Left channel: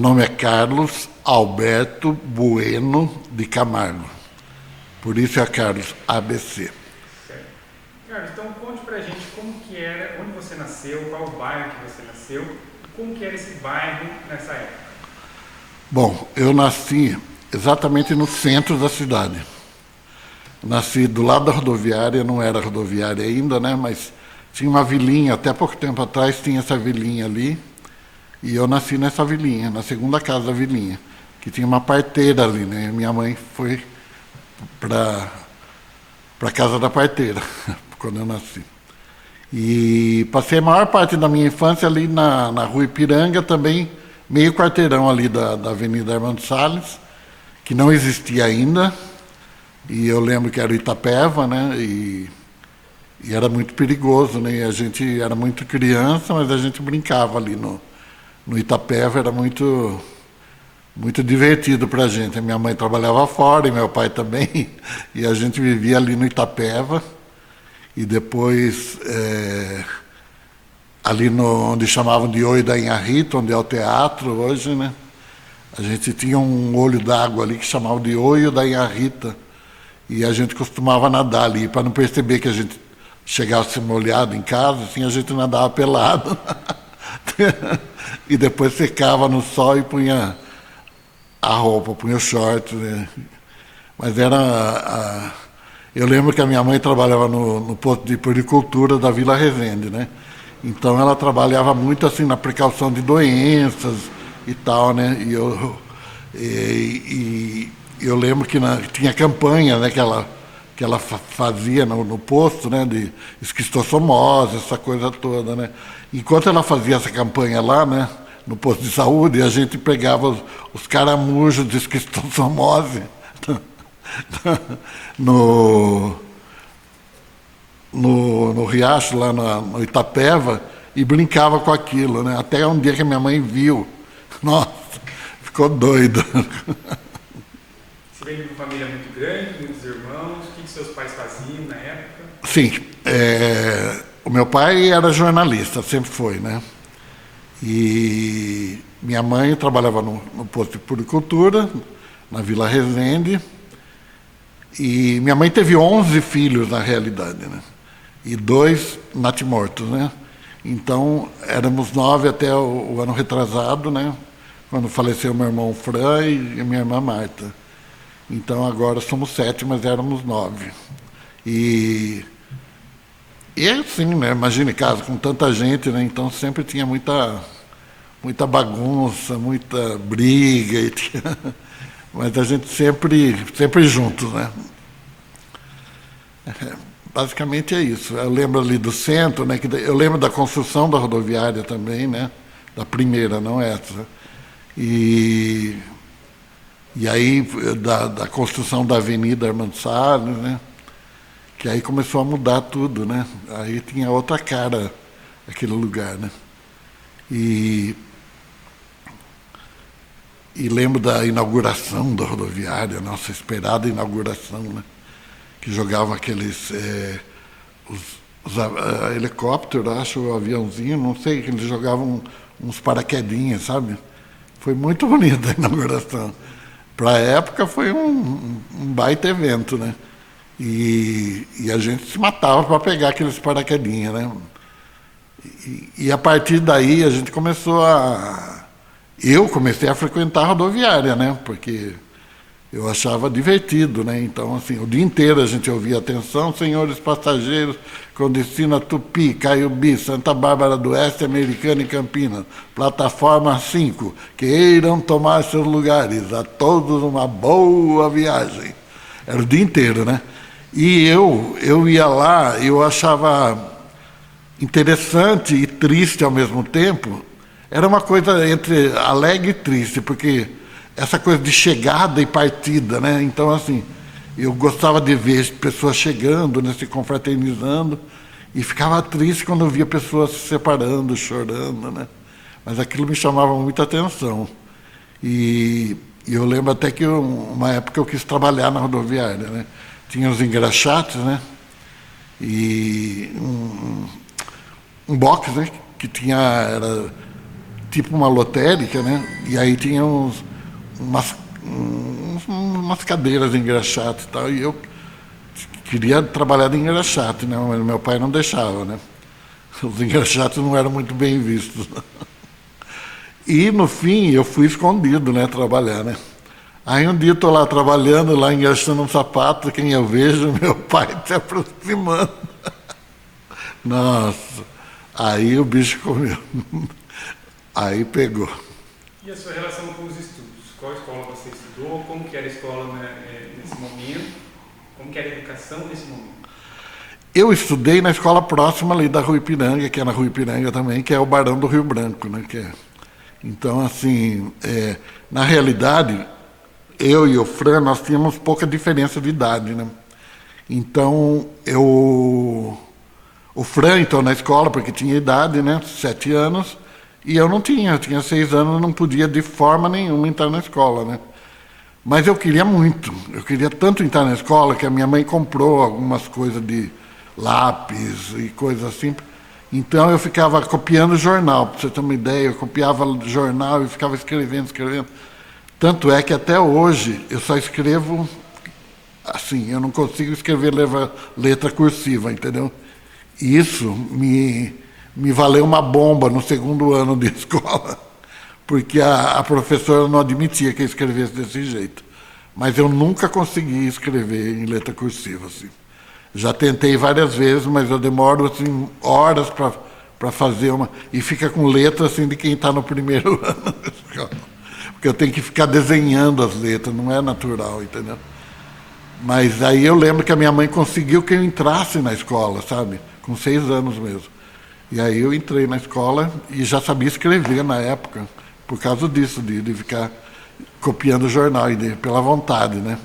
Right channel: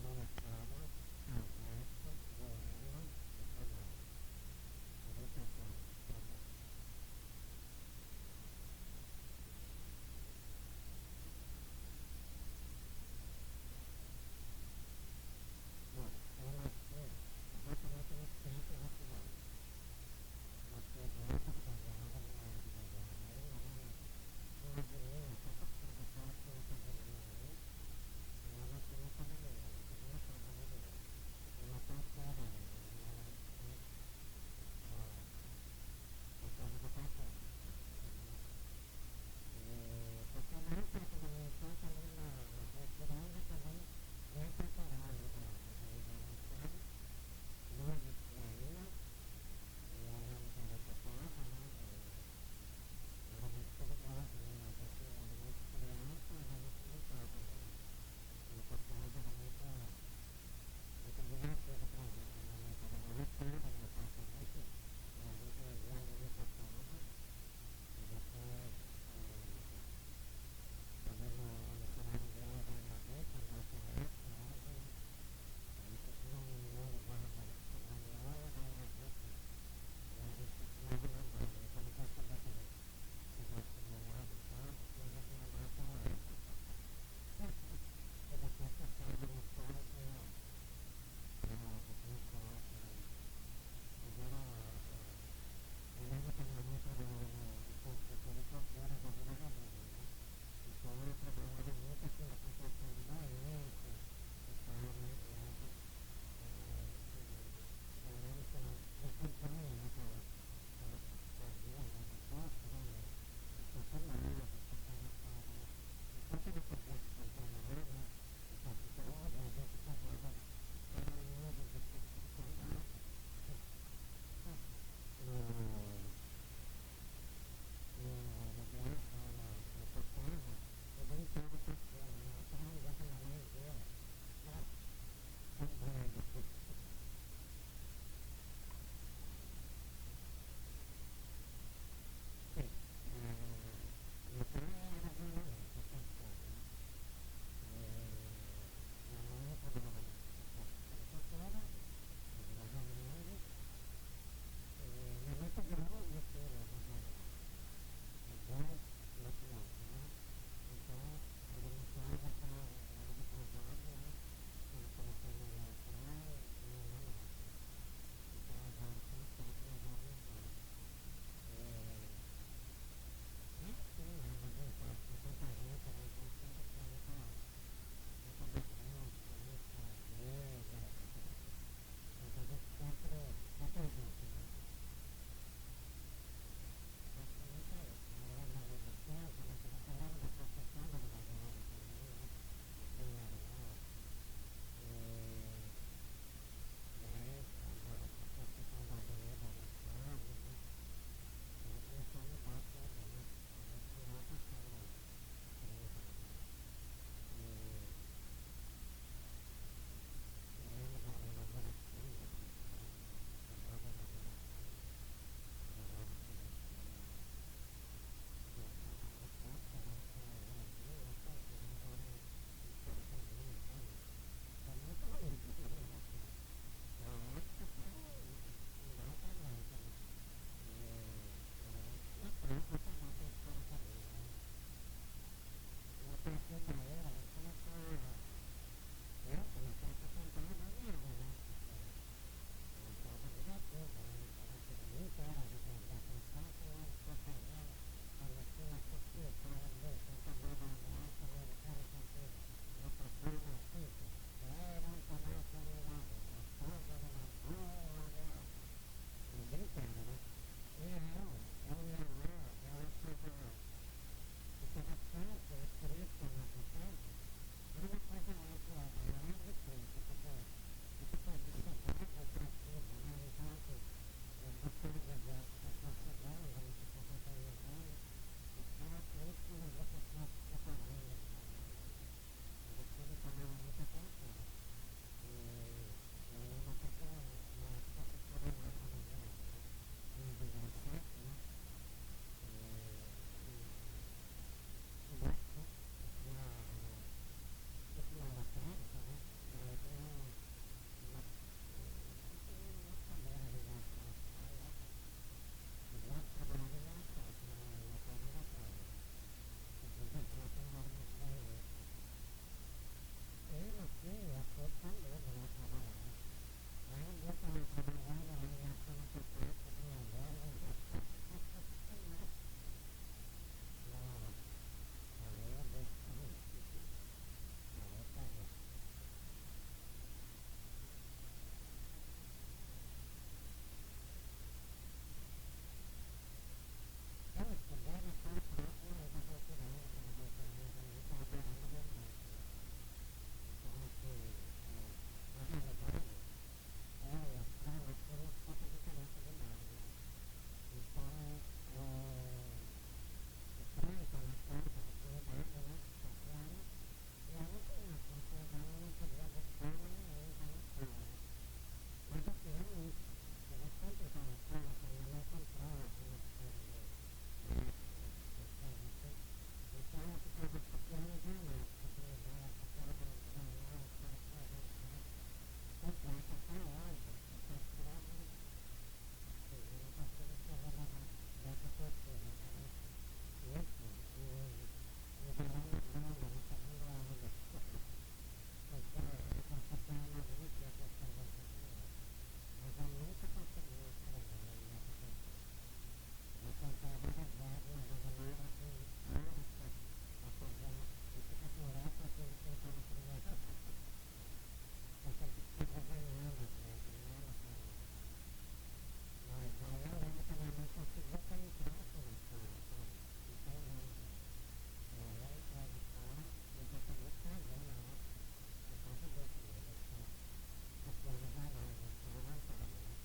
Meu nome é Carlos Alberto Bueno de Camargo. Por isso é Carlos ABC. Certo. Carlos, então conte pra gente como que era, onde você nasceu, qual o bairro que você nasceu, como que era esse bairro nessa época. Bom, eu nasci exatamente no centro da cidade. Nasci do lado da rodoviária, não era rodoviária ainda, né? Mas tinha uma vilinha, até pouco tempo atrás tinha essa vilinha ali. E eu nasci nessa vilinha, na segunda casa da vilinha, que tinha uma parteira ali, né? Minha mãe foi para a casa da parteira, quando eu nasci. E passei a maior parte da minha infância ali na rua Ipiranga, também meio quarteirão ali da Avenida Armando Salles, que não existia ainda. E eu lembro que era Itapeva, né? E era muito perigoso, né? E a gente era muito criança, mas a gente brincava ali no Itapeva, era muito divertido para a gente. A minha mãe trabalhava fora e meu pai também, e a gente vivia ali no Itapeva. E depois, ali onde chamavam de Oi da Inharrita, onde é o teatro hoje, né? A gente tinha um olho d'água ali que chamava de Oi da Inharrita. E a gente costumava nadar ali, para não perceber que a gente chegasse molhado em casa, assim, a gente nadava pelado. E depois secava no sol e punha a roupa, punha o short, né? Mas eu lembro que a minha mãe trabalhava no posto de puericultura da Vila Resende, né? Então ela trabalhava muito assim na precaução de doenças e tal, né? Eu lembro que tinha campanha, né, que ela fazia no posto, né, de esquistossomose, essa coisa toda, né? Enquanto ela fazia essa campanha lá, né, no posto de saúde, a gente pegava os caramujos de esquistossomose no riacho, lá no Itapeva, e brincava com aquilo, né? Até um dia que minha mãe viu. Nossa, ficou doida. Você veio de uma família muito grande, muitos irmãos, o que seus pais faziam na época? Sim, o meu pai era jornalista, sempre foi, né? E minha mãe trabalhava no posto de puericultura, na Vila Resende. E minha mãe teve 11 filhos, na realidade, né? E 2 natimortos, né? Então, éramos 9 até o ano retrasado, né? Quando faleceu meu irmão Fran e minha irmã Marta. Então, agora somos 7, mas éramos 9. E é assim, né? Imagine casa com tanta gente, né? Então, sempre tinha muita bagunça, muita briga. Mas a gente sempre juntos, né? Basicamente é isso. Eu lembro ali do centro, né? Eu lembro da construção da rodoviária também, né? Da primeira, não essa. E aí da construção da Avenida Armando Salles, né? Que aí começou a mudar tudo, né? Aí tinha outra cara aquele lugar, né? E lembro da inauguração da rodoviária, nossa esperada inauguração, né? Que jogavam aqueles helicópteros, acho, o aviãozinho, não sei, que eles jogavam uns paraquedinhas, sabe? Foi muito bonita a inauguração. Para a época foi um baita evento, né? E a gente se matava para pegar aqueles paraquedinhas, né? E a partir daí a gente começou Eu comecei a frequentar a rodoviária, né? Porque eu achava divertido, né? Então, assim, o dia inteiro a gente ouvia: atenção, senhores passageiros, com destino a Tupi, Caiubi, Santa Bárbara do Oeste, Americana e Campinas, plataforma 5, queiram tomar seus lugares, a todos uma boa viagem. Era o dia inteiro, né? E eu ia lá, eu achava interessante e triste ao mesmo tempo. Era uma coisa entre alegre e triste, porque essa coisa de chegada e partida, né? Então, assim, eu gostava de ver pessoas chegando, né, se confraternizando, e ficava triste quando eu via pessoas se separando, chorando, né? Mas aquilo me chamava muita atenção. E eu lembro até que uma época eu quis trabalhar na rodoviária, né? Tinha os engraxates, né? E um box, né? Que tipo uma lotérica, né? E aí tinha umas cadeiras de engraxate e tal, e eu queria trabalhar de engraxate, né? Mas meu pai não deixava, né? Os engraxates não eram muito bem vistos. E, no fim, eu fui escondido, né? Trabalhar, né? Aí um dia eu estou lá trabalhando, lá engraxando um sapato, quem eu vejo, meu pai se aproximando. Nossa, aí o bicho comeu. Aí pegou. E a sua relação com os estudos? Qual escola você estudou? Como que era a escola, né, nesse momento? Como que era a educação nesse momento? Eu estudei na escola próxima ali da Rua Ipiranga, que é na Rua Ipiranga também, que é o Barão do Rio Branco, né? Então, assim, na realidade, eu e o Fran, nós tínhamos pouca diferença de idade, né? Então, o Fran entrou na escola porque tinha idade, né? 7 anos, e eu não tinha. Eu tinha 6 anos, não podia de forma nenhuma entrar na escola, né? Mas eu queria muito. Eu queria tanto entrar na escola que a minha mãe comprou algumas coisas de lápis e coisas assim. Então eu ficava copiando jornal, para você ter uma ideia. Eu copiava jornal e ficava escrevendo. Tanto é que até hoje eu só escrevo assim, eu não consigo escrever letra cursiva, entendeu? E isso me valeu uma bomba no segundo ano de escola, porque a professora não admitia que eu escrevesse desse jeito. Mas eu nunca consegui escrever em letra cursiva, assim. Já tentei várias vezes, mas eu demoro assim, horas para fazer uma. E fica com letra assim, de quem está no primeiro ano da escola. Porque eu tenho que ficar desenhando as letras, não é natural, entendeu? Mas aí eu lembro que a minha mãe conseguiu que eu entrasse na escola, sabe? Com 6 anos mesmo. E aí eu entrei na escola e já sabia escrever na época, por causa disso, de ficar copiando o jornal, pela vontade, né?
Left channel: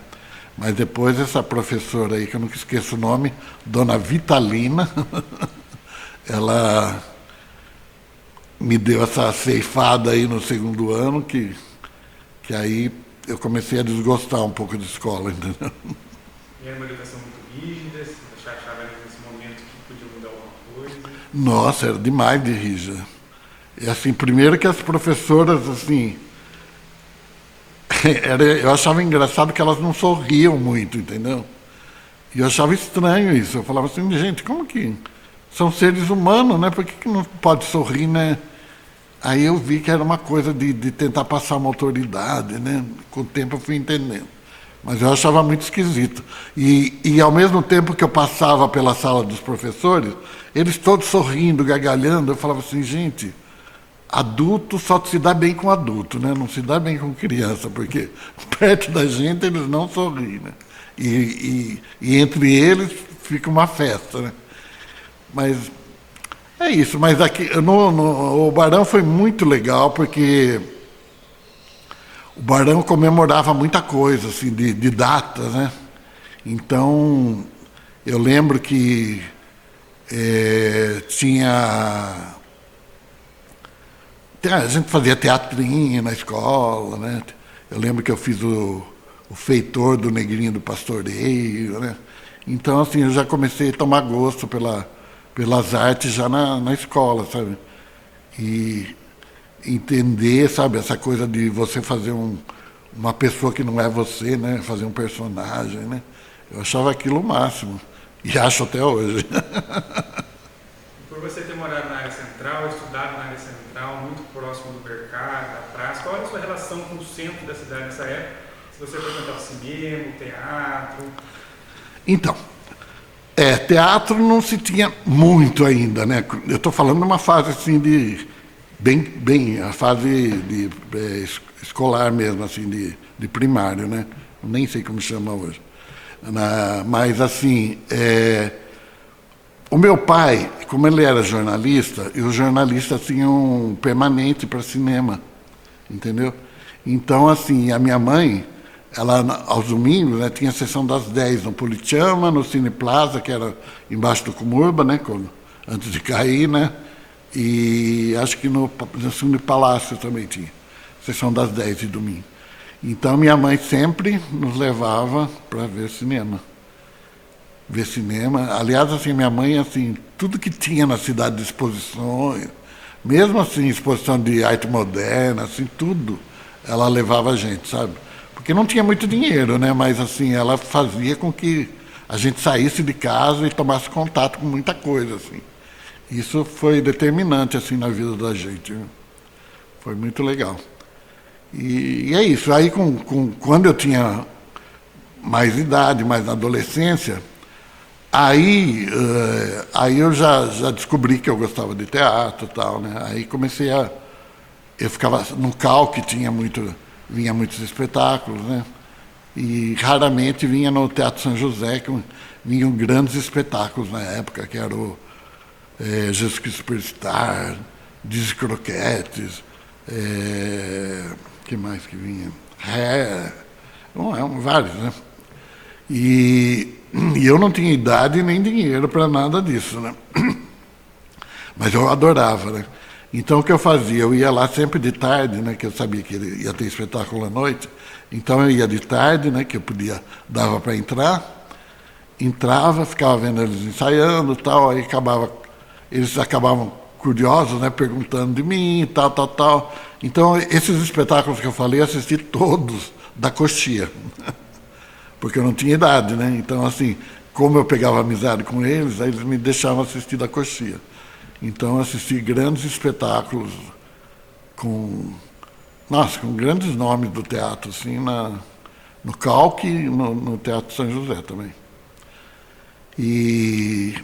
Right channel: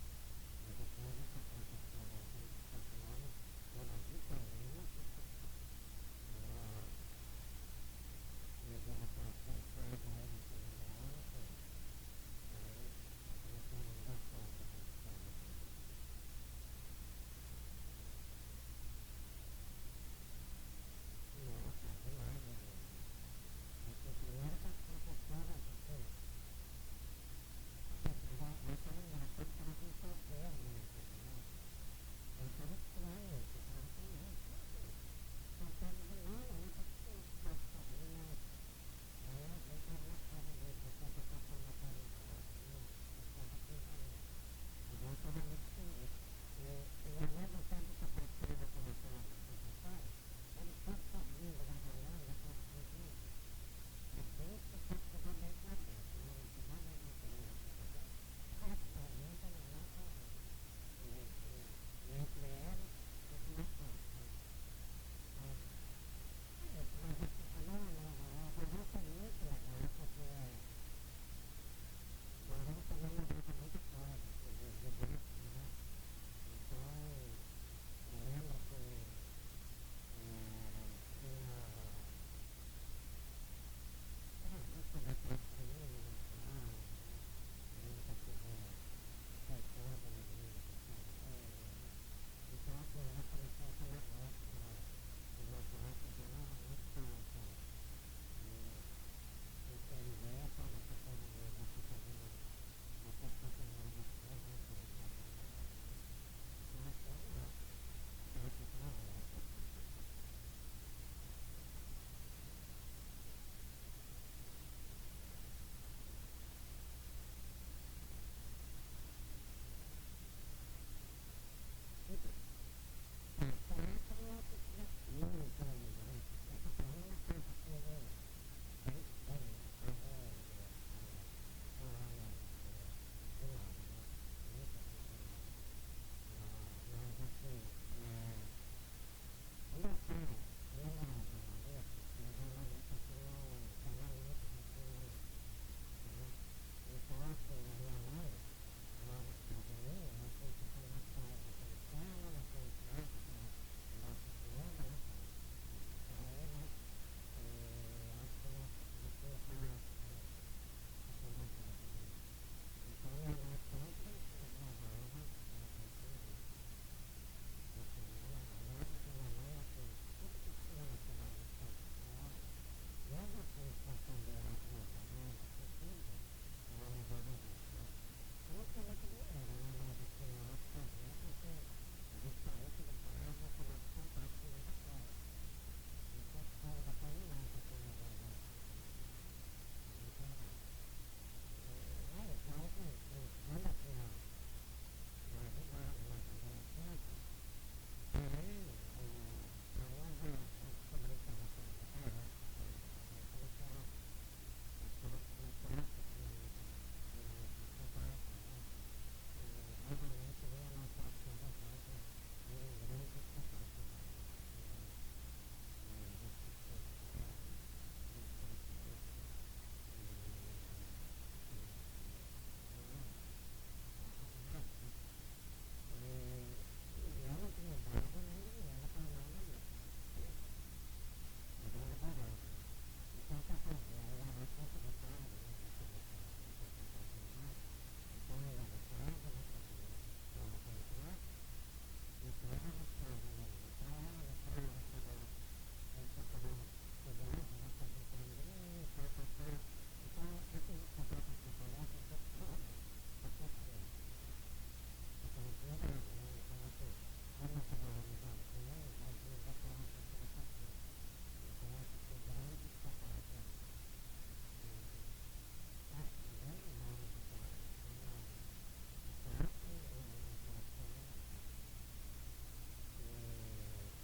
Mas depois essa professora aí, que eu nunca esqueço o nome, Dona Vitalina, ela me deu essa ceifada aí no segundo ano, que aí eu comecei a desgostar um pouco de escola, entendeu? E era uma educação muito rígida, você achava nesse momento que podia mudar alguma coisa? Nossa, era demais de rígida. E assim, primeiro que as professoras, assim, eu achava engraçado que elas não sorriam muito, entendeu? E eu achava estranho isso. Eu falava assim, gente, como que são seres humanos, né? Por que não pode sorrir, né? Aí eu vi que era uma coisa de tentar passar uma autoridade, né? Com o tempo eu fui entendendo. Mas eu achava muito esquisito. E ao mesmo tempo que eu passava pela sala dos professores, eles todos sorrindo, gargalhando, eu falava assim, gente, adulto só se dá bem com adulto, né? Não se dá bem com criança, porque perto da gente eles não sorriem, né? E entre eles fica uma festa, né? Mas é isso. Mas aqui o Barão foi muito legal, porque o Barão comemorava muita coisa, assim, de datas, né? Então, eu lembro que a gente fazia teatrinho na escola, né? Eu lembro que eu fiz o feitor do Negrinho do Pastoreio, né? Então, assim, eu já comecei a tomar gosto pelas artes já na escola, sabe? E entender, sabe, essa coisa de você fazer uma pessoa que não é você, né? Fazer um personagem, né? Eu achava aquilo o máximo. E acho até hoje. Por você ter morado na área central, estudado na área central, muito próximo do mercado, da praça, qual era a sua relação com o centro da cidade nessa época? Se você frequentava cinema, teatro? Então, teatro não se tinha muito ainda, né? Eu estou falando de uma fase assim bem a fase escolar mesmo, assim, de primário, né? Nem sei como chama hoje. Mas, assim, o meu pai, como ele era jornalista, e os jornalistas tinham permanente para cinema, entendeu? Então, assim, a minha mãe, ela, aos domingos, né, tinha a sessão das 10 no Politeama, no Cine Plaza, que era embaixo do Comurba, né, antes de cair, né? E acho que no Cine Palácio também tinha, sessão das 10 de domingo. Então, minha mãe sempre nos levava para ver cinema. Aliás, assim, minha mãe, assim, tudo que tinha na cidade de exposições, Mesmo assim, exposição de arte moderna, assim, tudo, ela levava a gente, sabe? Porque não tinha muito dinheiro, né? Mas assim, ela fazia com que a gente saísse de casa e tomasse contato com muita coisa, assim. Isso foi determinante, assim, na vida da gente, né? Foi muito legal. E é isso. Aí, quando eu tinha mais idade, mais na adolescência, aí eu já descobri que eu gostava de teatro e tal, né? Aí comecei a... Eu ficava no CAL, que vinha muitos espetáculos, né? E raramente vinha no Teatro São José, que vinham grandes espetáculos na época, que era o Jesus Cristo Superstar, Dizzy Croquetes, que mais que vinha? Vários, né? E eu não tinha idade nem dinheiro para nada disso, né? Mas eu adorava, né? Então o que eu fazia? Eu ia lá sempre de tarde, né? Que eu sabia que ia ter espetáculo à noite. Então eu ia de tarde, né? Que eu dava para entrar. Entrava, ficava vendo eles ensaiando e tal, aí eles acabavam curiosos, né? Perguntando de mim e tal, tal, tal. Então esses espetáculos que eu falei, eu assisti todos da coxia. Porque eu não tinha idade, né? Então, assim, como eu pegava amizade com eles, aí eles me deixavam assistir da coxia. Então, eu assisti grandes espetáculos com grandes nomes do teatro, assim, no Calque e no Teatro São José também. E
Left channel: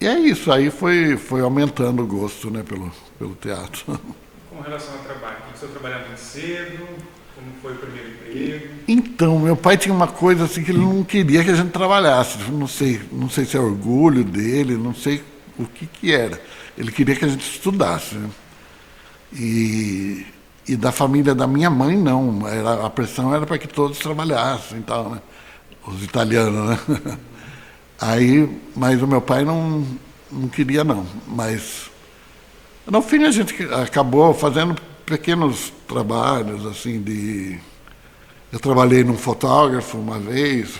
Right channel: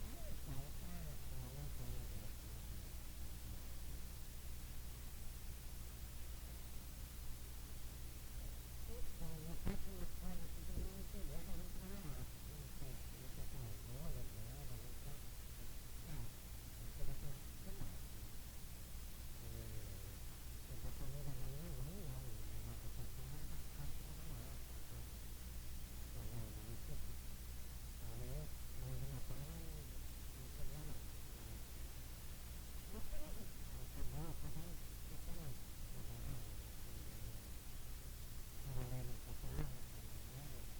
é isso, aí foi aumentando o gosto, né, pelo teatro. Com relação ao trabalho, você trabalhava muito cedo? Como foi o primeiro emprego? Então, meu pai tinha uma coisa assim que ele não queria que a gente trabalhasse. Não sei se é orgulho dele, não sei o que era. Ele queria que a gente estudasse, né? E da família da minha mãe, não. A pressão era para que todos trabalhassem e tal, né? Os italianos, né? Mas o meu pai não queria, não. Mas, no fim, a gente acabou fazendo pequenos trabalhos, assim, Eu trabalhei num fotógrafo uma vez,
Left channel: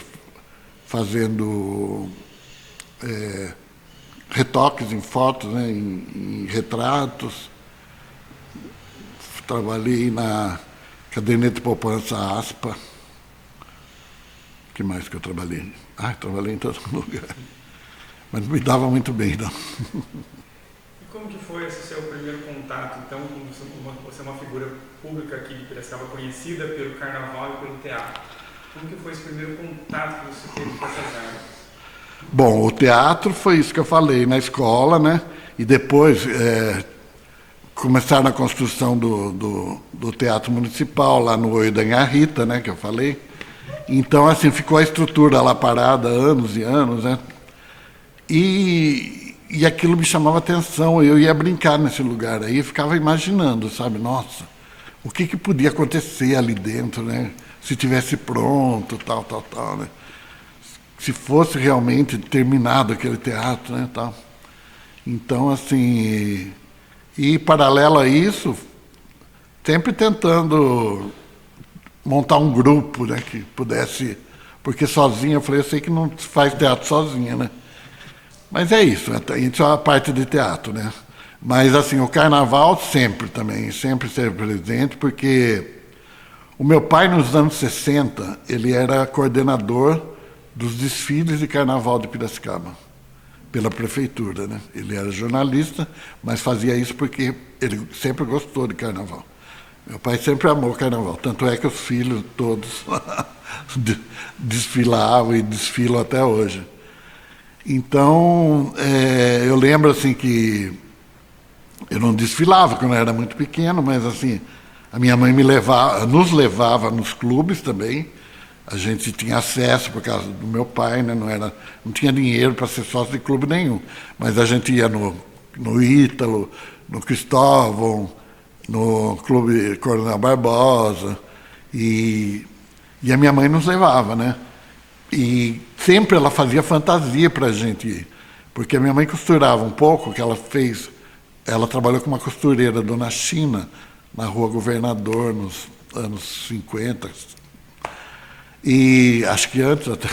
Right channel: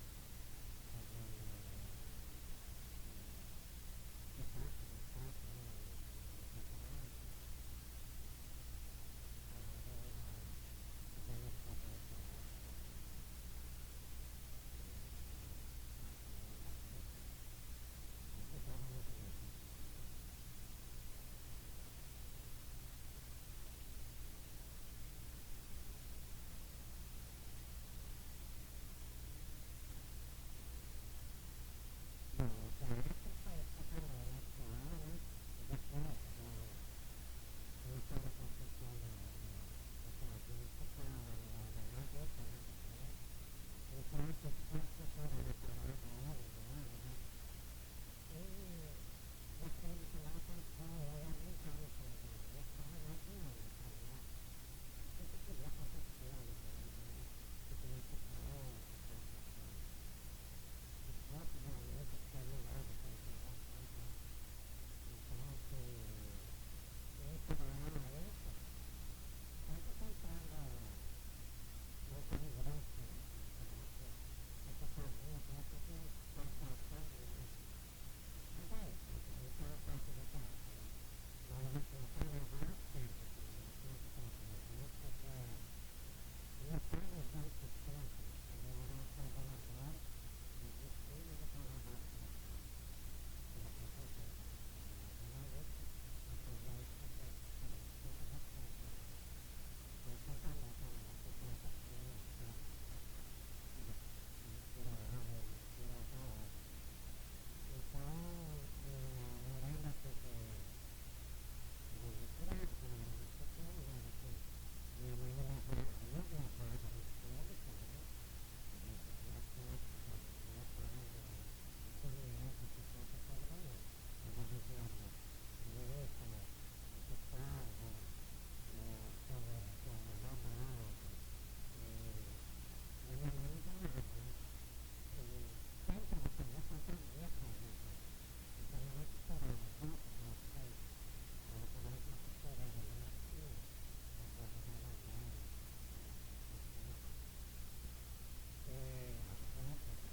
fazendo retoques em fotos, né, em retratos. Trabalhei na caderneta de poupança ASPA. O que mais que eu trabalhei? Trabalhei em todo lugar. Mas não me dava muito bem, não. E como que foi esse seu primeiro contato, então, você é uma figura pública aqui de Piracicaba, conhecida pelo carnaval e pelo teatro? Como que foi esse primeiro contato que você teve com essas áreas? Bom, o teatro foi isso que eu falei, na escola, né? E depois começaram a construção do Teatro Municipal, lá no Oi da Nha Rita, né? Que eu falei. Então, assim, ficou a estrutura lá parada anos e anos, né? E aquilo me chamava atenção, eu ia brincar nesse lugar, aí eu ficava imaginando, sabe? Nossa, o que podia acontecer ali dentro, né? Se tivesse pronto, tal, né? Se fosse realmente terminado aquele teatro, né, tal. Então, assim, e paralelo a isso, sempre tentando montar um grupo, né, que pudesse, porque sozinho, eu falei, eu sei que não se faz teatro sozinho, né? Mas é isso é a parte de teatro, né? Mas, assim, o carnaval sempre esteve presente, porque o meu pai, nos anos 60, ele era coordenador dos desfiles de carnaval de Piracicaba, pela prefeitura, né? Ele era jornalista, mas fazia isso porque ele sempre gostou de carnaval. Meu pai sempre amou carnaval, tanto é que os filhos todos desfilavam e desfilam até hoje. Então, eu lembro assim que eu não desfilava quando eu era muito pequeno, mas assim, a minha mãe nos levava nos clubes também. A gente tinha acesso por causa do meu pai, né? Não tinha dinheiro para ser sócio de clube nenhum. Mas a gente ia no Ítalo, no Cristóvão, no Clube Coronel Barbosa, e a minha mãe nos levava, né? E sempre ela fazia fantasia para a gente ir, porque a minha mãe costurava um pouco, que ela trabalhou com uma costureira, Dona China, na Rua Governador, nos anos 50, e acho que antes até.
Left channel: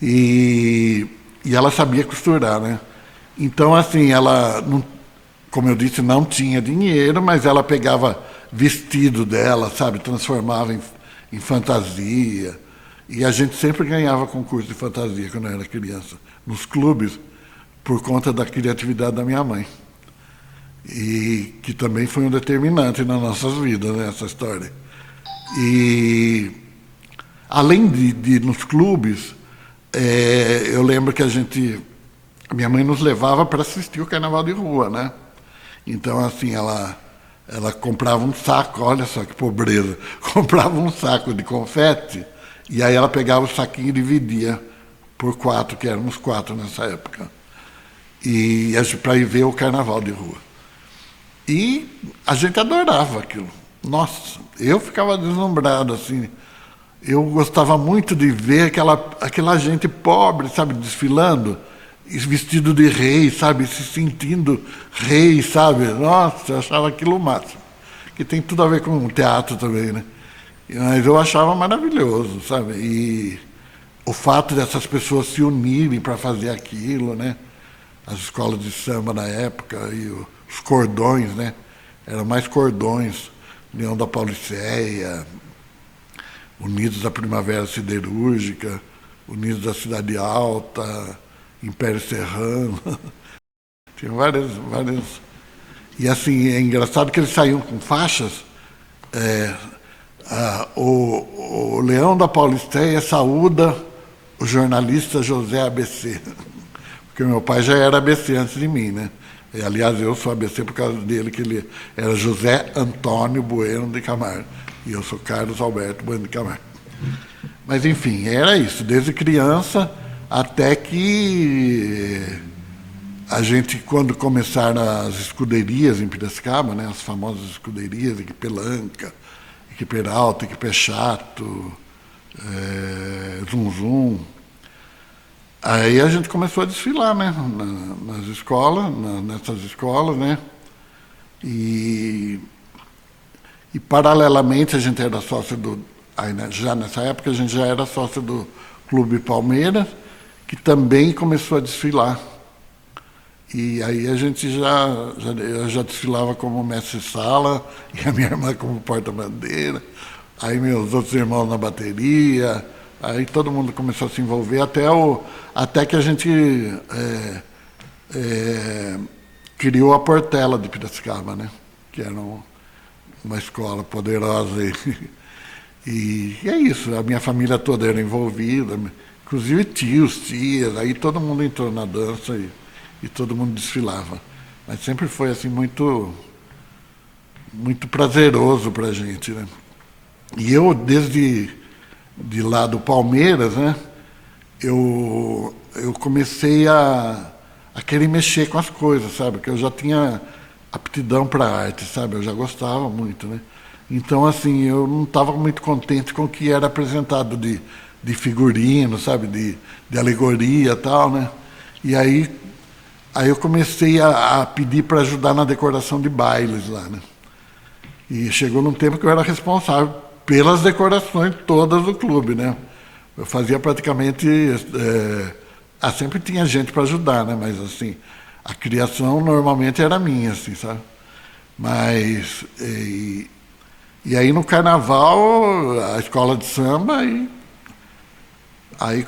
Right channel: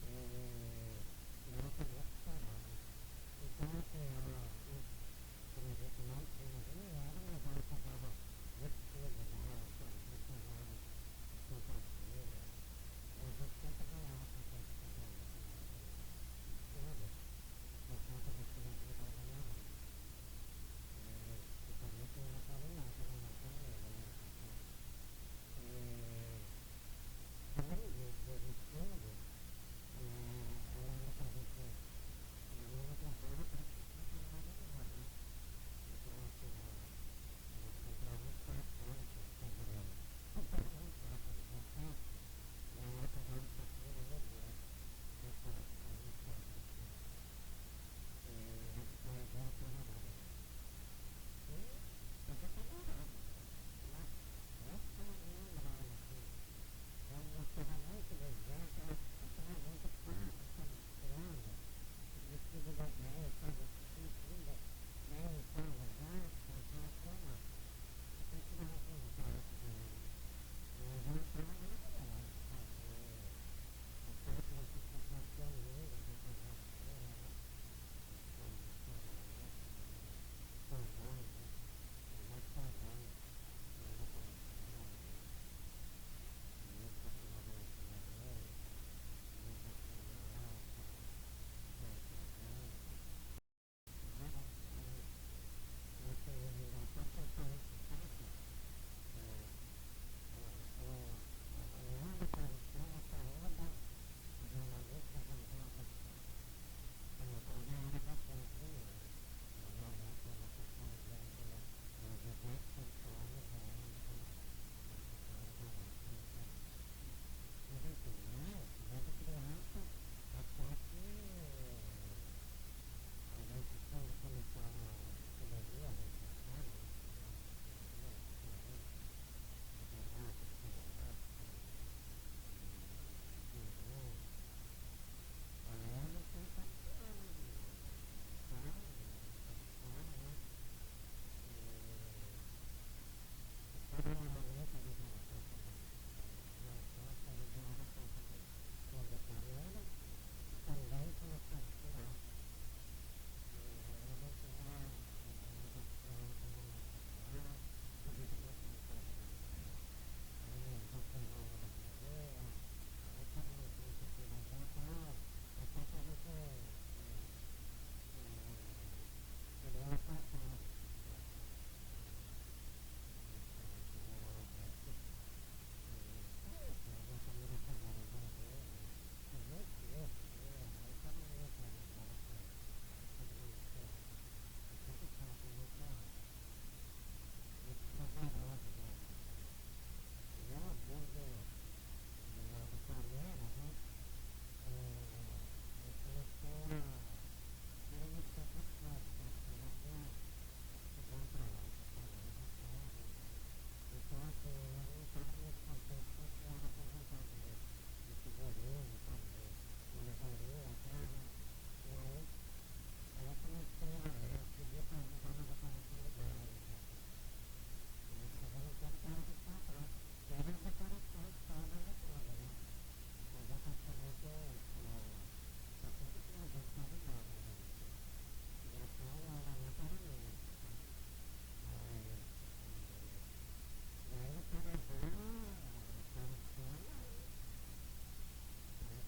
E ela sabia costurar, né? Então, assim, como eu disse, não tinha dinheiro, mas ela pegava vestido dela, sabe, transformava em fantasia. E a gente sempre ganhava concurso de fantasia quando eu era criança, nos clubes, por conta da criatividade da minha mãe. E que também foi um determinante nas nossas vidas, né, essa história. E além de ir nos clubes, eu lembro que minha mãe nos levava para assistir o carnaval de rua, né? Então, assim, ela comprava um saco, olha só que pobreza, comprava um saco de confete e aí ela pegava o saquinho e dividia por 4, que éramos 4 nessa época, e para ir ver o carnaval de rua. E a gente adorava aquilo. Nossa, eu ficava deslumbrado, assim. Eu gostava muito de ver aquela gente pobre, sabe, desfilando, vestido de rei, sabe, se sentindo rei, sabe. Nossa, eu achava aquilo o máximo. Que tem tudo a ver com o teatro também, né? Mas eu achava maravilhoso, sabe. E o fato dessas pessoas se unirem para fazer aquilo, né? As escolas de samba na época e os cordões, né? Eram mais cordões, União da Pauliceia, Unidos da Primavera Siderúrgica, Unidos da Cidade Alta, Império Serrano. Tinha várias. E assim, é engraçado que eles saíam com faixas. O Leão da Pauliceia saúda o jornalista José ABC. Porque meu pai já era ABC antes de mim, né? E, aliás, eu sou ABC por causa dele, que ele era José Antônio Bueno de Camargo. E eu sou Carlos Alberto Bueno de Camargo. Mas, enfim, era isso. Desde criança até que a gente, quando começaram as escuderias em Piracicaba, né, as famosas escuderias, Equipe Lanca, Equipe Peralta, Equipe Chato, Zum Zum. Aí a gente começou a desfilar, né, nas escolas, nessas escolas, né, e paralelamente a gente era sócio já nessa época a gente já era sócio do Clube Palmeiras, que também começou a desfilar. E aí a gente eu já desfilava como mestre-sala e a minha irmã como porta-bandeira, aí meus outros irmãos na bateria. Aí todo mundo começou a se envolver até que a gente criou a Portela de Piracicaba, né? Que era uma escola poderosa. E é isso, a minha família toda era envolvida, inclusive tios, tias, aí todo mundo entrou na dança e todo mundo desfilava. Mas sempre foi assim muito, muito prazeroso para a gente, né? E eu, desde lá do Palmeiras, né, eu comecei a querer mexer com as coisas, sabe? Porque eu já tinha aptidão para arte, sabe? Eu já gostava muito, né? Então, assim, eu não estava muito contente com o que era apresentado de figurino, sabe? De alegoria e tal, né? E aí eu comecei a pedir para ajudar na decoração de bailes lá, né? E chegou num tempo que eu era responsável pelas decorações todas do clube, né? Eu fazia praticamente... sempre tinha gente para ajudar, né? Mas, assim, a criação normalmente era minha, assim, sabe? Mas... E aí, no carnaval, a escola de samba, aí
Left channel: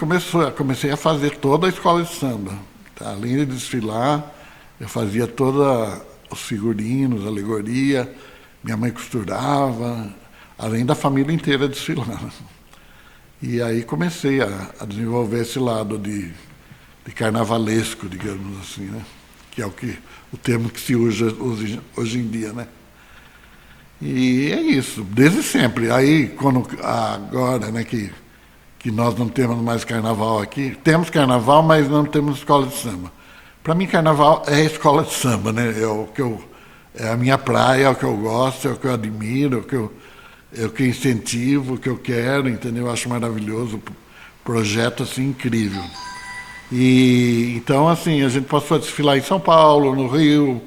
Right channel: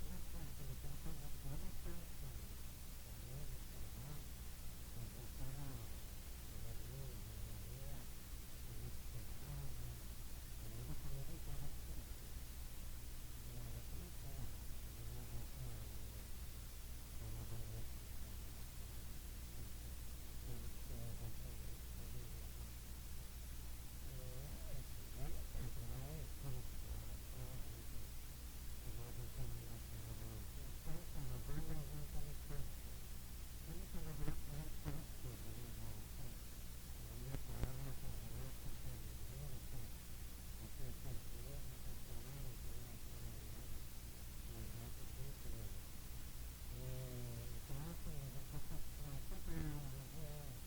comecei a fazer toda a escola de samba. Tá? Além de desfilar, eu fazia todos os figurinos, alegoria, minha mãe costurava, além da família inteira desfilando. E aí comecei a desenvolver esse lado de carnavalesco, digamos assim, né? Que é o termo que se usa hoje em dia, né? E é isso, desde sempre. Aí, agora, né, que nós não temos mais carnaval aqui, temos carnaval, mas não temos escola de samba. Para mim, carnaval é escola de samba, né? É a minha praia, é o que eu gosto, é o que eu admiro, é o que eu incentivo, o que eu quero, entendeu? Eu acho maravilhoso, projeto assim incrível. E então, assim, a gente passou a desfilar em São Paulo, no Rio.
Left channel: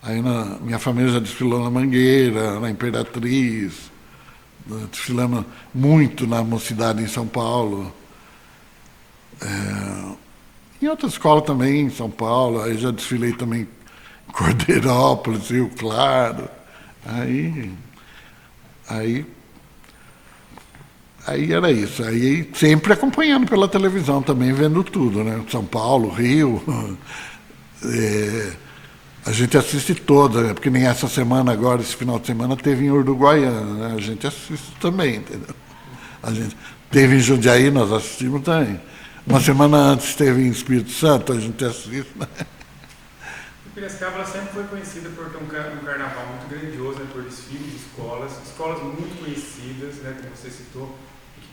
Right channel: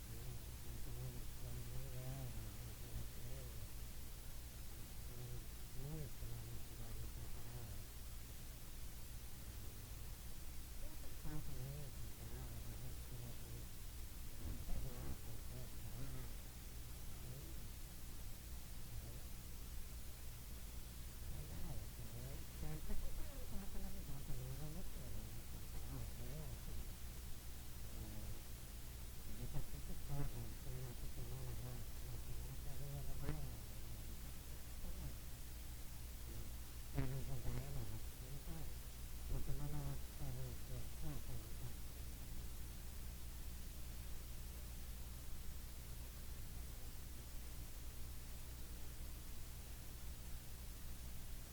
Aí minha família já desfilou na Mangueira, na Imperatriz, desfilamos muito na Mocidade em São Paulo. Em outra escola também, em São Paulo, aí já desfilei também Cordeirópolis, Rio Claro. Aí, aí, aí era isso. Aí sempre acompanhando pela televisão também, vendo tudo, né? São Paulo, Rio. A gente assiste toda, né? Porque nem essa semana agora, esse final de semana, teve em Uruguaiana, né? A gente assiste também, entendeu? A gente teve em Jundiaí, nós assistimos também. Uma semana antes teve em Espírito Santo, a gente assiste, né? Piracicaba sempre foi conhecida por ter um carnaval muito grandioso, né, por desfiles de escolas muito conhecidas, né, como você citou,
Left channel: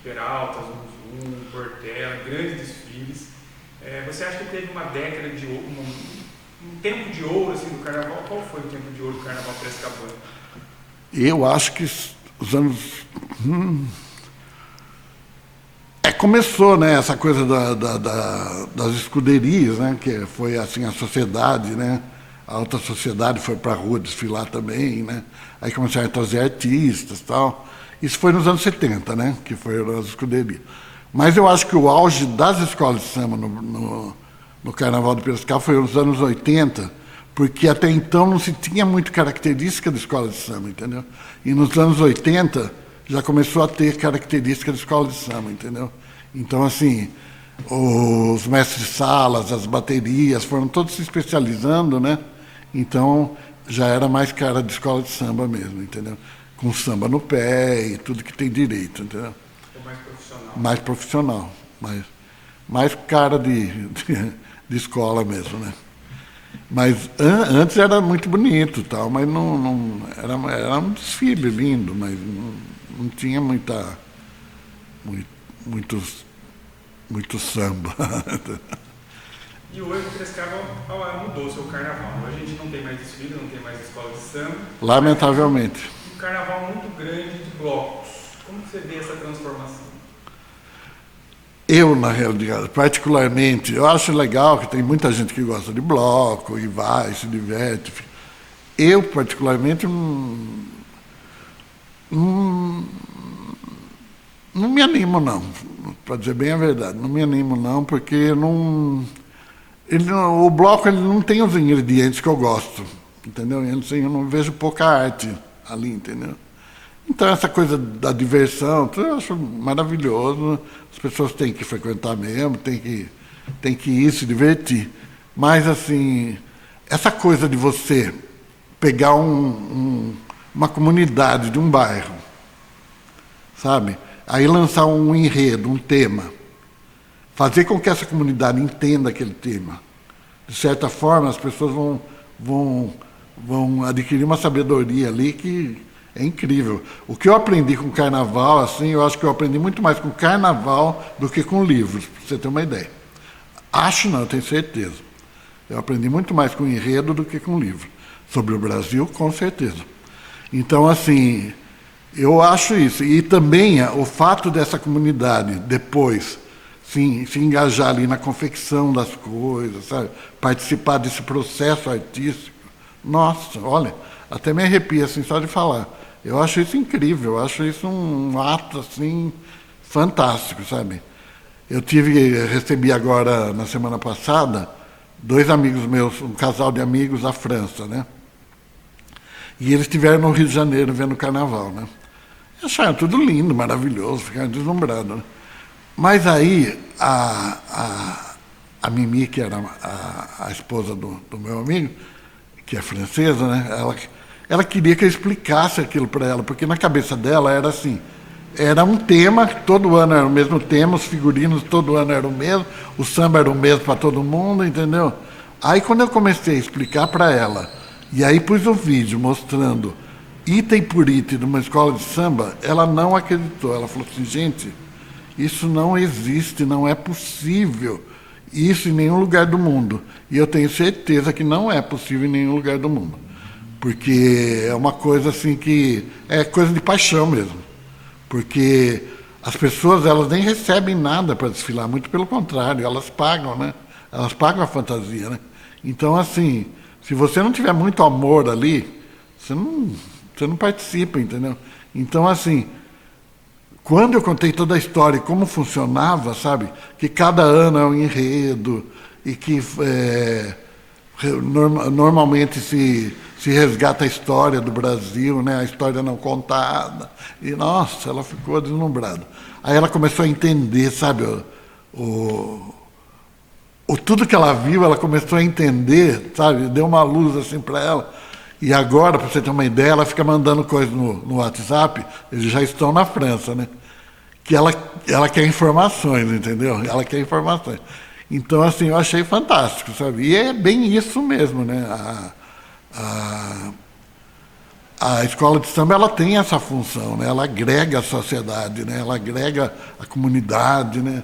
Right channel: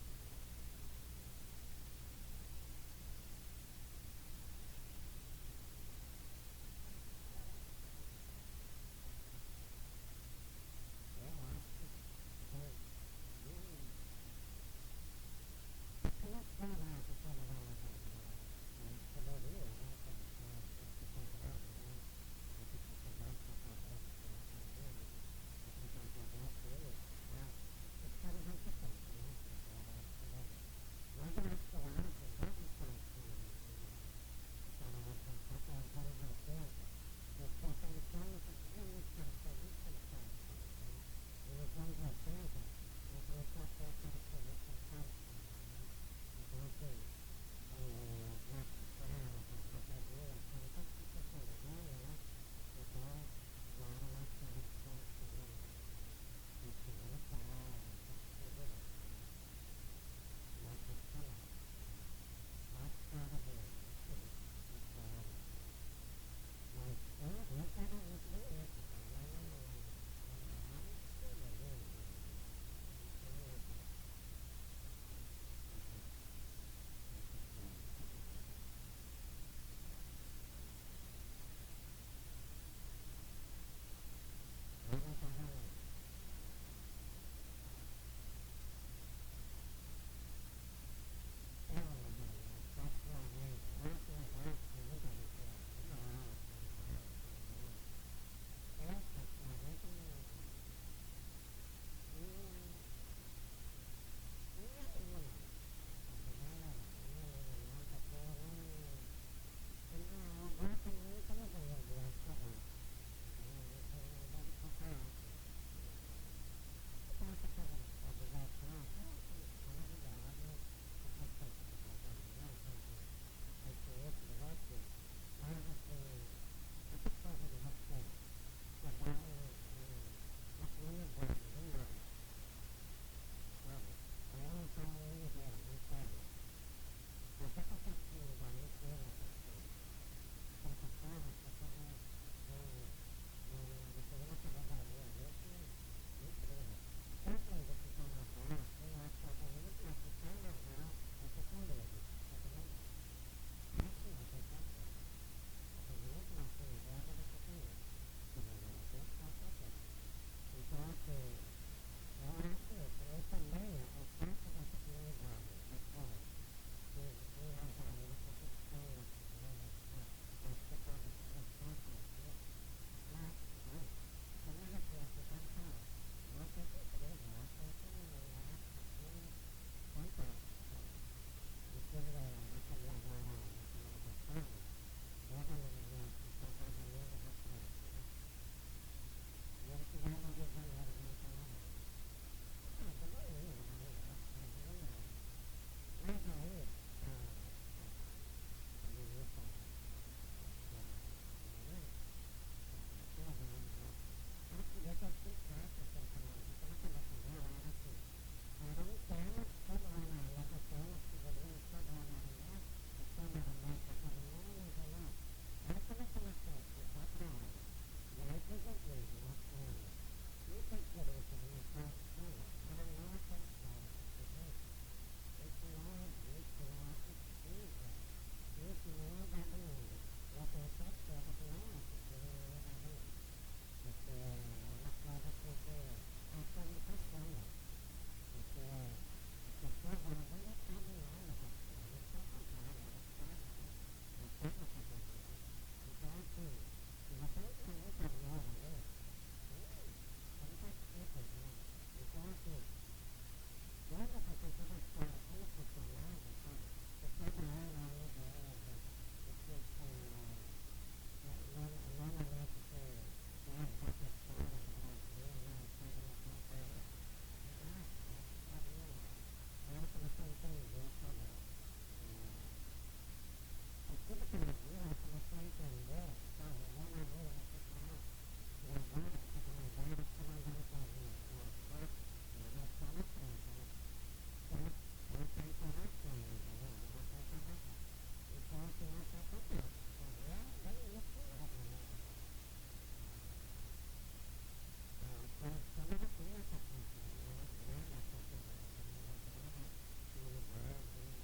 Peralta, Zum, Portela, grandes desfiles. Você acha que teve uma década de ouro, um tempo de ouro assim, do carnaval? Qual foi o tempo de ouro do carnaval piracicabano? Eu acho que os anos... começou, né, essa coisa das escuderias, né, que foi assim a sociedade, né, a alta sociedade foi para a rua desfilar também, né, aí começaram a trazer artistas e tal. Isso foi nos anos 70, né, que foram as escuderias. Mas eu acho que o auge das escolas de samba no Carnaval de Piracicaba foi nos anos 80, porque até então não se tinha muito característica de escola de samba, entendeu? E nos anos 80 já começou a ter característica de escola de samba, entendeu? Então, assim, os mestres-salas, as baterias, foram todos se especializando, né? Então, já era mais cara de escola de samba mesmo, entendeu? Com samba no pé e tudo que tem direito, entendeu? Mais profissional. Mais profissional, mais cara de escola mesmo, né? Mas antes era muito bonito, tal, mas não era um desfile lindo, mas não tinha muito samba. E hoje o Piracicaba mudou o seu carnaval. Hoje a gente não tem mais desfile, não tem mais escola de samba. Lamentavelmente. Um carnaval muito grande de blocos. Como você vê essa transformação? Eu, na realidade, particularmente, eu acho legal que tem muita gente que gosta de bloco e vai, se diverte. Eu, particularmente, não me animo, não. Para dizer bem a verdade, não me animo, não, porque o bloco ele não tem os ingredientes que eu gosto, entendeu? Eu não vejo pouca arte ali, entendeu? Então, essa coisa da diversão, eu acho maravilhoso. As pessoas têm que frequentar mesmo, têm que ir se divertir. Mas, assim, essa coisa de você pegar uma comunidade de um bairro, sabe? Aí lançar um enredo, um tema, fazer com que essa comunidade entenda aquele tema. De certa forma, as pessoas vão adquirir uma sabedoria ali que é incrível. O que eu aprendi com carnaval, assim, eu acho que eu aprendi muito mais com carnaval do que com livros, para você ter uma ideia. Acho não, eu tenho certeza. Eu aprendi muito mais com enredo do que com livro. Sobre o Brasil, com certeza. Então, assim, eu acho isso. E também o fato dessa comunidade, depois, se engajar ali na confecção das coisas, sabe? Participar desse processo artístico. Nossa, olha, até me arrepia, assim, só de falar. Eu acho isso incrível, eu acho isso um ato, assim, fantástico, sabe? Recebi agora, na semana passada, 2 amigos meus, um casal de amigos da França, né? E eles estiveram no Rio de Janeiro vendo o carnaval, né? Acharam tudo lindo, maravilhoso, ficaram deslumbrados, né? Mas aí, a Mimi, que era a esposa do meu amigo, que é francesa, né? Ela queria que eu explicasse aquilo para ela, porque na cabeça dela era assim, era um tema, todo ano era o mesmo tema, os figurinos todo ano eram o mesmo, o samba era o mesmo para todo mundo, entendeu? Aí quando eu comecei a explicar para ela, e aí pus o vídeo mostrando item por item de uma escola de samba, ela não acreditou, ela falou assim, gente, isso não existe, não é possível, isso em nenhum lugar do mundo. E eu tenho certeza que não é possível em nenhum lugar do mundo. Porque é uma coisa assim que é coisa de paixão mesmo. Porque as pessoas, elas nem recebem nada para desfilar, muito pelo contrário, elas pagam, né? Elas pagam a fantasia, né? Então, assim, se você não tiver muito amor ali, você não participa, entendeu? Então, assim, quando eu contei toda a história e como funcionava, sabe? Que cada ano é um enredo e que Normalmente se resgata a história do Brasil, né? A história não contada. E, nossa, ela ficou deslumbrada. Aí ela começou a entender, sabe, tudo que ela viu, ela começou a entender, sabe, deu uma luz assim para ela. E agora, para você ter uma ideia, ela fica mandando coisas no WhatsApp, eles já estão na França, né? Que ela quer informações, entendeu? Ela quer informações. Então, assim, eu achei fantástico, sabe? E é bem isso mesmo, né? A escola de samba, ela tem essa função, né? Ela agrega a sociedade, né? Ela agrega a comunidade, né?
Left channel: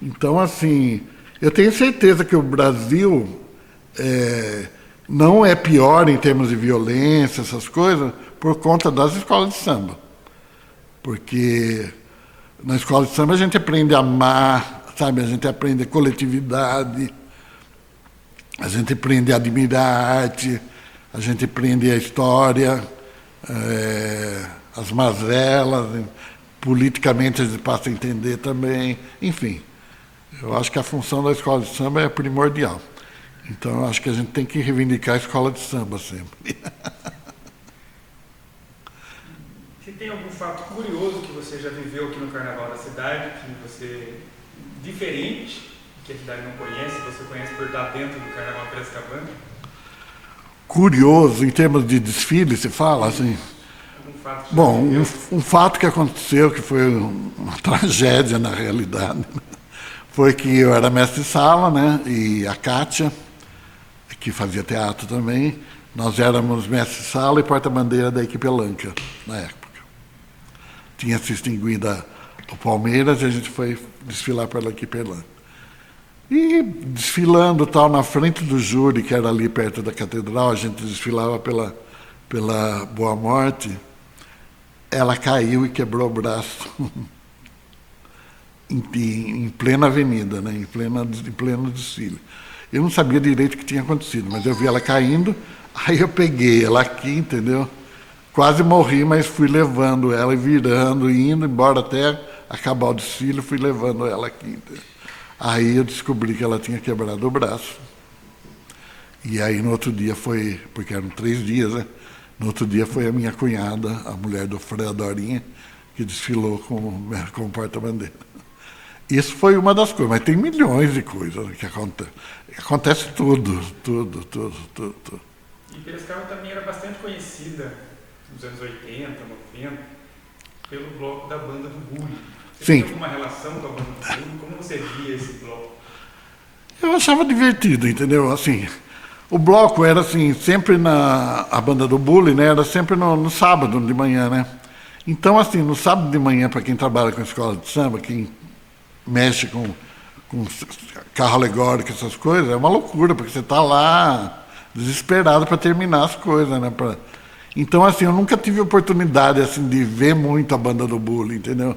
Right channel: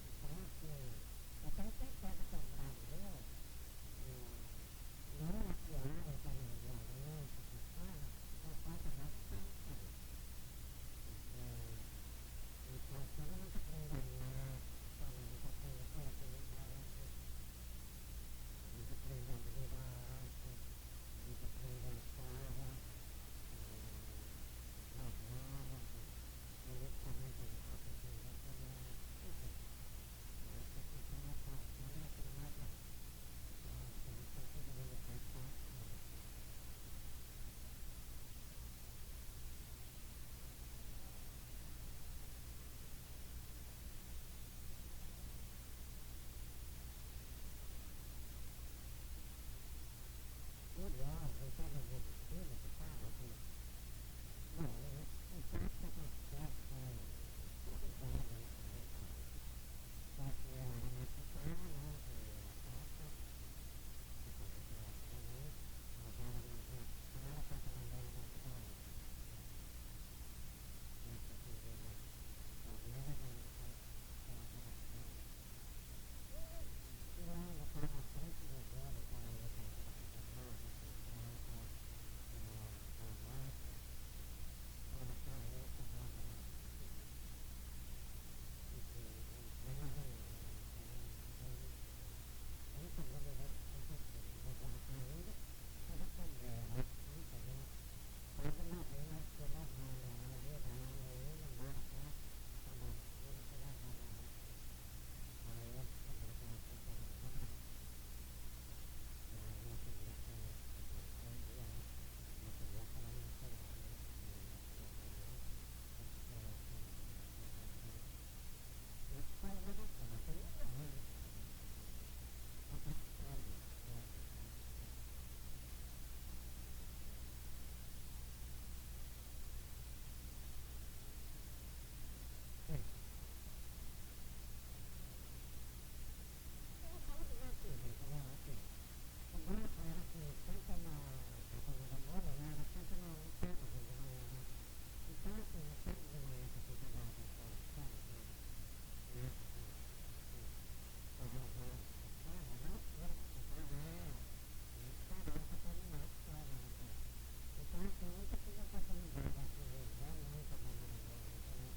Então, assim, eu tenho certeza que o Brasil não é pior em termos de violência, essas coisas, por conta das escolas de samba. Porque na escola de samba a gente aprende a amar, sabe? A gente aprende coletividade, a gente aprende a admirar a arte, a gente aprende a história, as mazelas, politicamente a gente passa a entender também, enfim. Eu acho que a função da escola de samba é primordial. Então, eu acho que a gente tem que reivindicar a escola de samba sempre. Se tem algum fato curioso que você já viveu aqui no Carnaval da cidade, que você, diferente, que a cidade não conhece, você conhece por estar dentro do Carnaval Piracicabana? Curioso, em termos de desfile, se fala assim? Algum fato que Bom, um fato que aconteceu, que foi uma tragédia na realidade, foi que eu era mestre-sala, né? E a Kátia, que fazia teatro também, nós éramos mestre-sala e porta-bandeira da equipe Elanca, na época. Tinha se extinguido o Palmeiras e a gente foi desfilar pela equipe Elanca. E desfilando tal, na frente do júri, que era ali perto da catedral, a gente desfilava pela Boa Morte, ela caiu e quebrou o braço em plena avenida, né? em pleno desfile. Eu não sabia direito o que tinha acontecido, mas eu vi ela caindo, aí eu peguei ela aqui, entendeu? Quase morri, mas fui levando ela e virando, indo embora até acabar o desfile, fui levando ela aqui, entendeu? Aí eu descobri que ela tinha quebrado o braço. E aí no outro dia foi, porque eram 3 dias, né? No outro dia foi a minha cunhada, a mulher do Frei Dorinha, que desfilou como porta-bandeira. Isso foi uma das coisas, mas tem milhões de coisas que acontecem. Acontece tudo. E Piracicaba também era bastante conhecida nos anos 80, 90, pelo bloco da banda do Bully. Você tem alguma relação com a banda do Bully? Como você via esse bloco? Eu achava divertido, entendeu? Assim, o bloco era assim, sempre a banda do Bully, né? Era sempre no sábado de manhã, né? Então, assim, no sábado de manhã, para quem trabalha com escola de samba, quem mexe com carro alegórico, essas coisas, é uma loucura, porque você está lá desesperado para terminar as coisas, né? Então, assim, eu nunca tive oportunidade assim, de ver muito a banda do Bully, entendeu?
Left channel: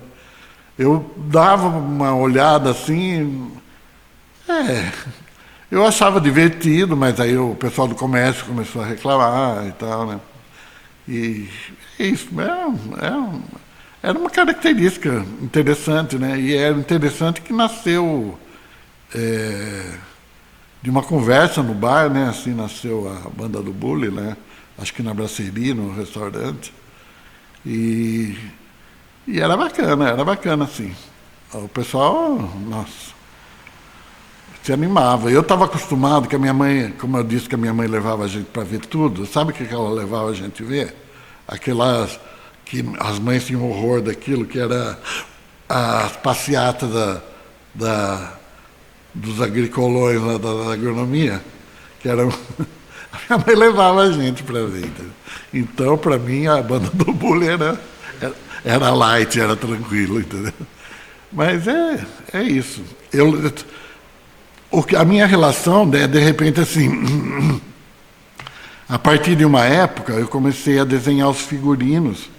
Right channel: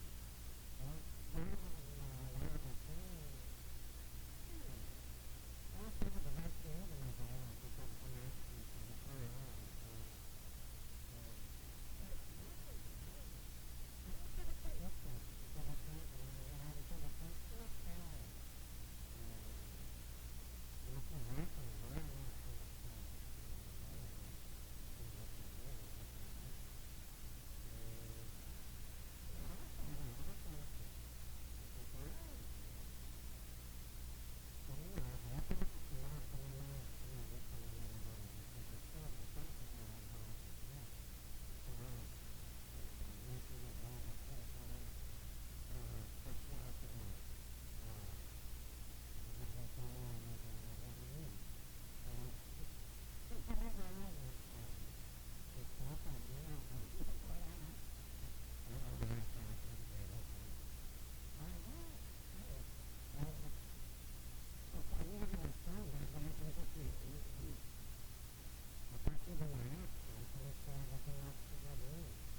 Eu dava uma olhada assim, eu achava divertido, mas aí o pessoal do comércio começou a reclamar e tal, né? E isso, era uma característica interessante, né? E era interessante que nasceu de uma conversa no bar, né? Assim nasceu a banda do Bully, né? Acho que na Brasserie, no restaurante. E era bacana, assim. O pessoal, nossa, se animava. Eu estava acostumado que a minha mãe, como eu disse que a minha mãe levava a gente para ver tudo, sabe o que ela levava a gente ver? Aquelas que as mães tinham horror daquilo, que era as passeatas dos agricolões lá da agronomia, que eram... A minha mãe levava a gente para ver. Entendeu? Então, para mim, a banda do Bully era light, era tranquilo, entendeu? Mas é isso. A minha relação, né, de repente, assim, a partir de uma época, eu comecei a desenhar os figurinos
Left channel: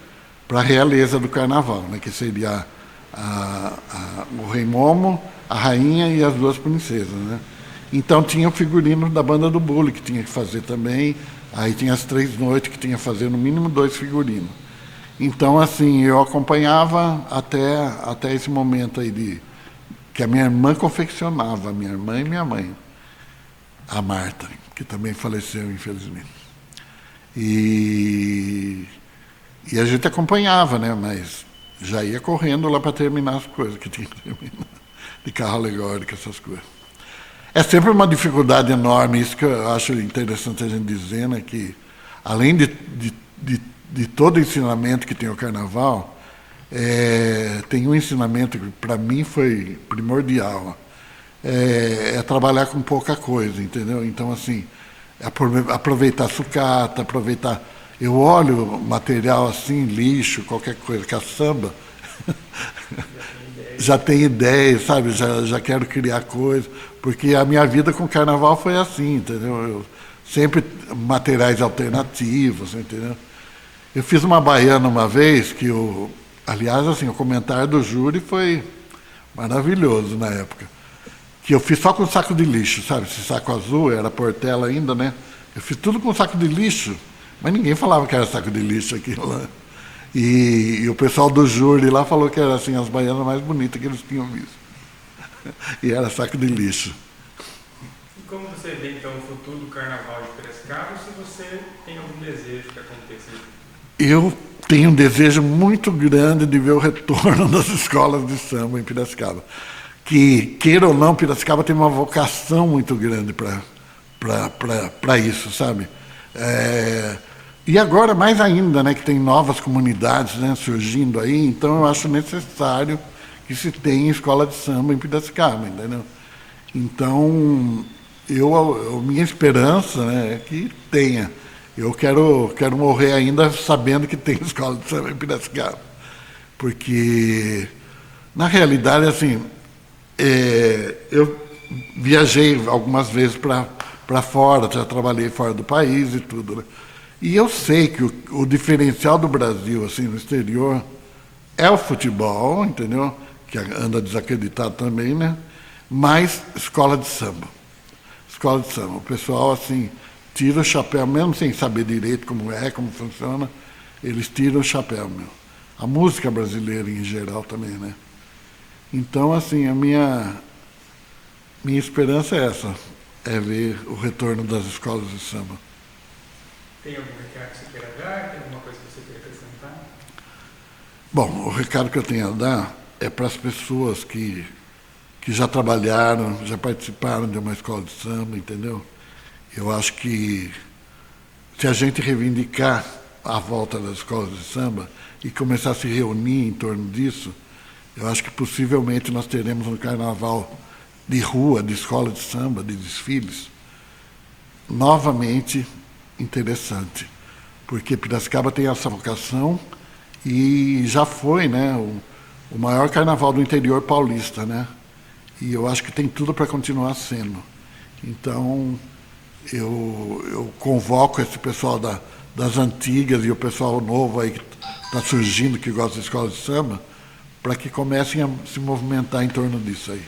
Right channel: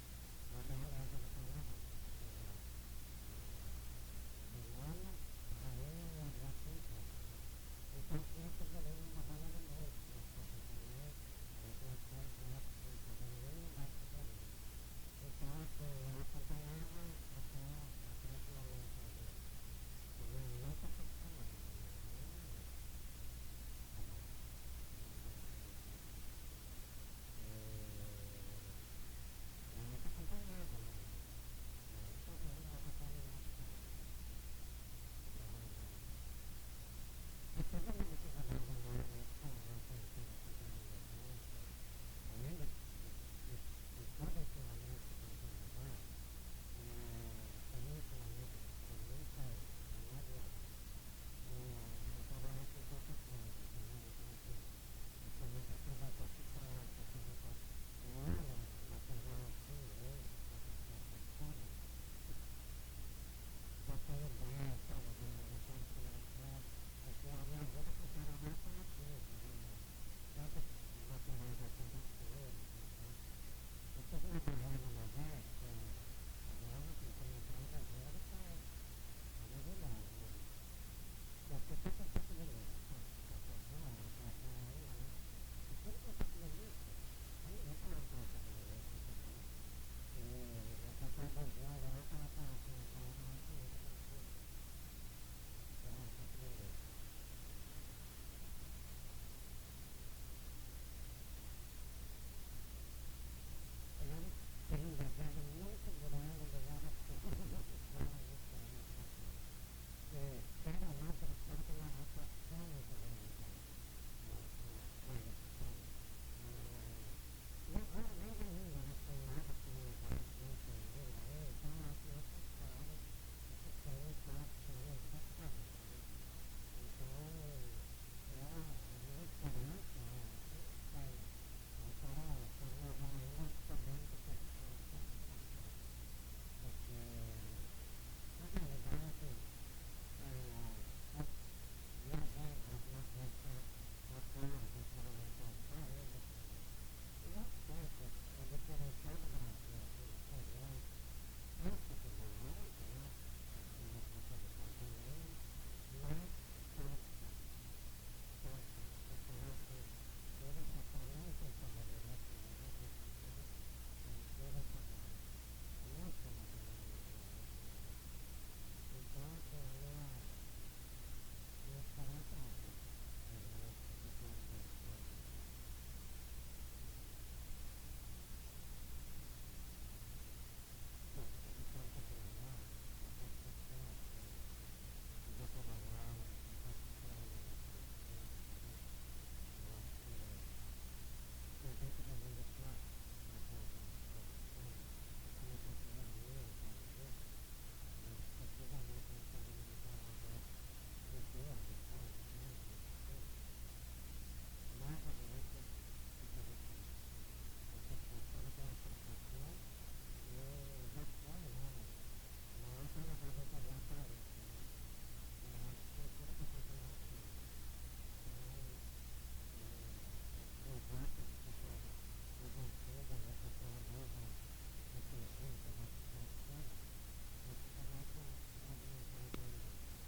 para a realeza do carnaval, né, que seria o Rei Momo, a rainha e as 2 princesas, né? Então tinha o figurino da banda do Bully, que tinha que fazer também, aí tinha as 3 noites que tinha que fazer no mínimo 2 figurinos. Então, assim, eu acompanhava até esse momento aí que a minha irmã confeccionava, minha irmã e minha mãe, a Marta, que também faleceu, infelizmente. E a gente acompanhava, né? Mas já ia correndo lá para terminar as coisas que tinha que terminar, de carro alegórico, essas coisas. É sempre uma dificuldade enorme, isso que eu acho interessante a gente dizer, né? Que além de todo o ensinamento que tem o carnaval, tem um ensinamento que para mim foi primordial, é trabalhar com pouca coisa, entendeu? Então, assim, aproveitar sucata, aproveitar... Eu olho material assim, lixo, qualquer coisa, caçamba, já tem ideia, sabe? Já quero criar coisa, porque a minha vida com o carnaval foi assim, entendeu? Eu sempre materiais alternativos, entendeu? Eu fiz uma baiana uma vez, aliás, assim, o comentário do júri foi maravilhoso na época, que eu fiz só com saco de lixo, sabe? Esse saco azul, era Portela ainda, né? Eu fiz tudo com saco de lixo, mas ninguém falava que era saco de lixo aquilo lá. E o pessoal do júri lá falou que era assim, as baianas mais bonitas que eles tinham visto. E era saco de lixo. E como você vê, então, o futuro do carnaval de Piracicaba, se você tem algum desejo que aconteça? Eu tenho um desejo muito grande de ver o retorno das escolas de samba em Piracicaba. Que, queira ou não, Piracicaba tem uma vocação muito grande para isso, sabe? E agora, mais ainda, né, que tem novas comunidades, né, surgindo aí, então eu acho necessário que se tenha escola de samba em Piracicaba, entendeu? Então, minha esperança, né, é que tenha. Eu quero morrer ainda sabendo que tem escola de samba em Piracicaba. Porque, na realidade, assim, eu viajei algumas vezes para fora, já trabalhei fora do país e tudo, né? E eu sei que o diferencial do Brasil, assim, no exterior, é o futebol, entendeu? Que anda desacreditado também, né? Mas escola de samba. Escola de samba. O pessoal, assim, tira o chapéu, mesmo sem saber direito como funciona, eles tiram o chapéu, meu. A música brasileira em geral também, né? Então, assim, a minha esperança é essa, é ver o retorno das escolas de samba. Tem algum recado que você queira dar? Tem alguma coisa que você queira acrescentar? Bom, o recado que eu tenho a dar é para as pessoas que já trabalharam, já participaram de uma escola de samba, entendeu? Eu acho que se a gente reivindicar a volta das escolas de samba e começar a se reunir em torno disso, eu acho que possivelmente nós teremos um carnaval de rua, de escola de samba, de desfiles, novamente interessante, porque Piracicaba tem essa vocação e já foi, né, o maior carnaval do interior paulista, né? E eu acho que tem tudo para continuar sendo. Então, eu convoco esse pessoal das antigas e o pessoal novo aí que está surgindo, que gosta de escola de samba, para que comecem a se movimentar em torno disso aí.